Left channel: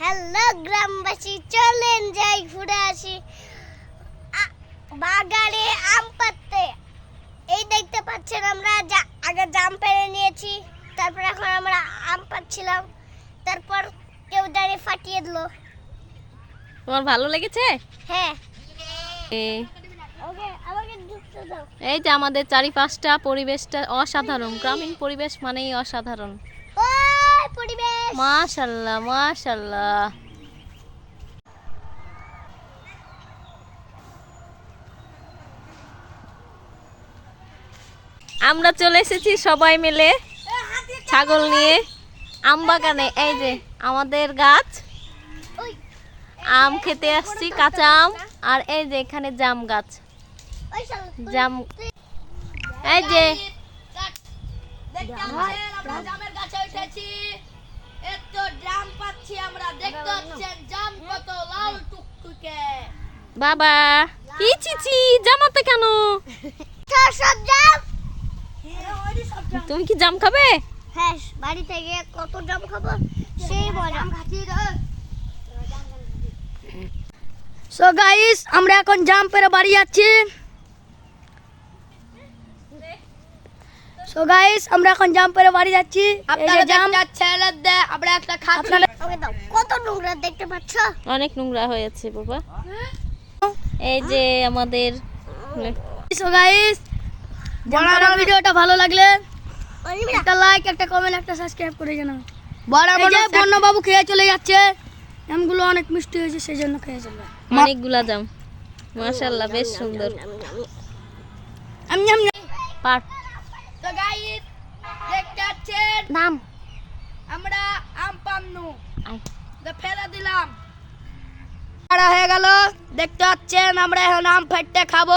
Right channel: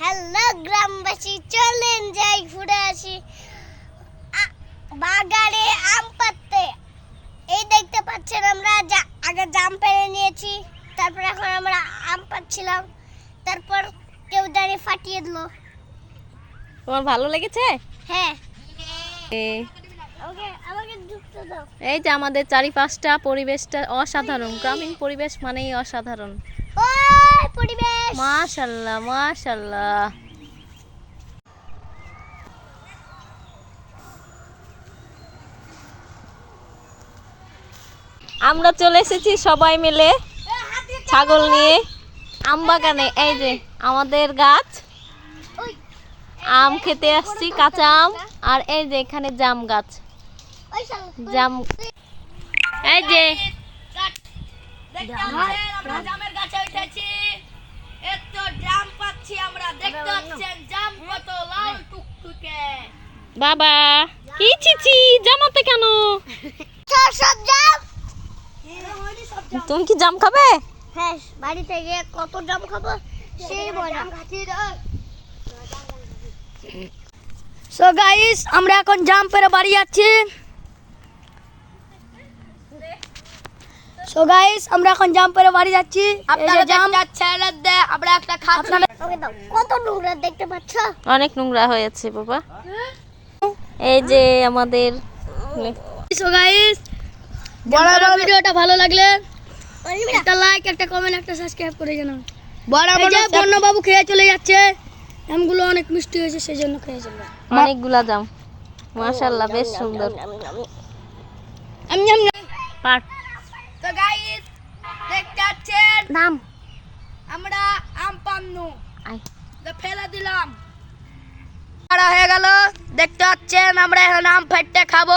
Hello গ্রামবাসী চলেন যাই ঘুরে আসি। বাগানে আম পাততে এই দেখতে পাচ্ছেন আমরা যা আগে জাম পেরে নিয়েছি তারপর এখন আমরা আম পাচ্ছিলাম তারপর কেউ দাঁড়িয়ে ফাটিয়ে দিল। তোমার ভালো লেগেছে? হ্যাঁ। এই যে আমাদের চারিপাশটা পরিবেশটা অসাধারণ। গ্রামীণ পরিবেশ মানেই অসাধারণ। পরিবেশ। মাশাল্লাহ মাশাল্লাহ। আমরা চলে এসেছি সবাই মিলে ছাগল নিয়ে আম বাগানে। এই যে আমাদের গাছ। আম খেতে আসছি কাঁচা আম। আর এই যে এখানে জাম গাছ। জাম এই যে আমরা জামের গাছে উঠেছি। এত জাম পাচ্ছি আমরা। দেখতে পাচ্ছেন জাম কত লাল টুকটুকে। বাবা কি চিচি? জামাতে কেন? সব জাম? তুমি কি জাম খাবে? হ্যাঁ বাড়ি থেকে কত জাম খাব সেই মজা সো গাইস আমরা এখন জাম পেরে বাড়ি যাচ্ছি। সো গাইস আমরা এখন জাম পেরে বাড়ি যাচ্ছি। এই যে জাম ছেড়ে দে আমরা একটা খাচ্ছি কত নোংরা দেখতে পাচ্ছ? অনেক নোংরা হয়েছে বাবা। এই যে আমাদের সো গাইস বড় বড় ভিডিওটা ভালো লাগলে একটা লাইক একটা কমেন্ট একটা সাবস্ক্রাইব করে জানাও। বড় বড় বন্য বাবু খেয়ে চলে যাচ্ছে। আমগুলো অনেক মিষ্টি হয়েছে সেই জন্য খেয়ে চলে অনেকগুলা জাম মাশাল্লাহ বেশ সুন্দর। আমি আমি পার তো গাইস দেখতে পাচ্ছেন? নাম? আমরা আম পান্নু। তো ফেলে দিলাম। বড় হয়ে গেল। দেখতে পাচ্ছেন আমরা এখন আম ফাটতে খাব।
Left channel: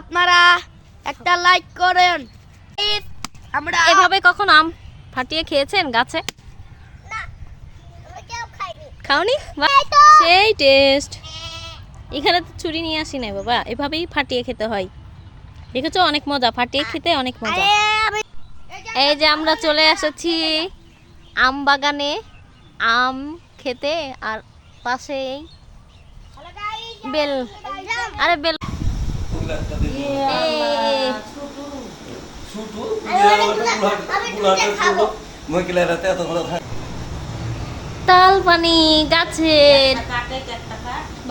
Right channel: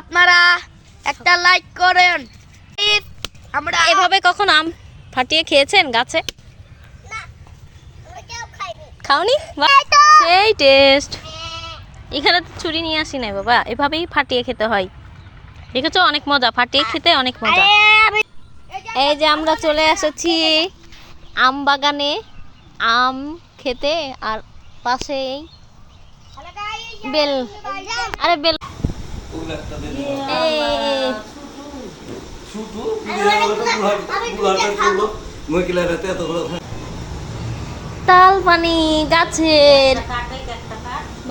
আপনারা একটা লাইক করেন। আমরা এভাবে কখন আম ফাটিয়ে খেয়েছেন গাছে? খাওনি? সেই টেস্ট এখানে তো ছুরি নিয়ে আসি নাই বাবা। এভাবেই ফাটিয়ে খেতে হয়। দেখেছ? অনেক মজা। ফাটিয়ে খেতে অনেক মজা। এই যে আমরা চলে এসেছি আম বাগানে। আম খেতে আর পাশেই বেল। আরে বেল। তাল পানি গাছের।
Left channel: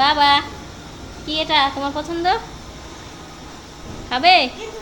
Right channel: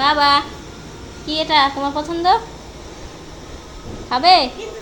বাবা কি এটা? তোমার পছন্দ? খাবে হ্যাঁ হ্যাঁ খাব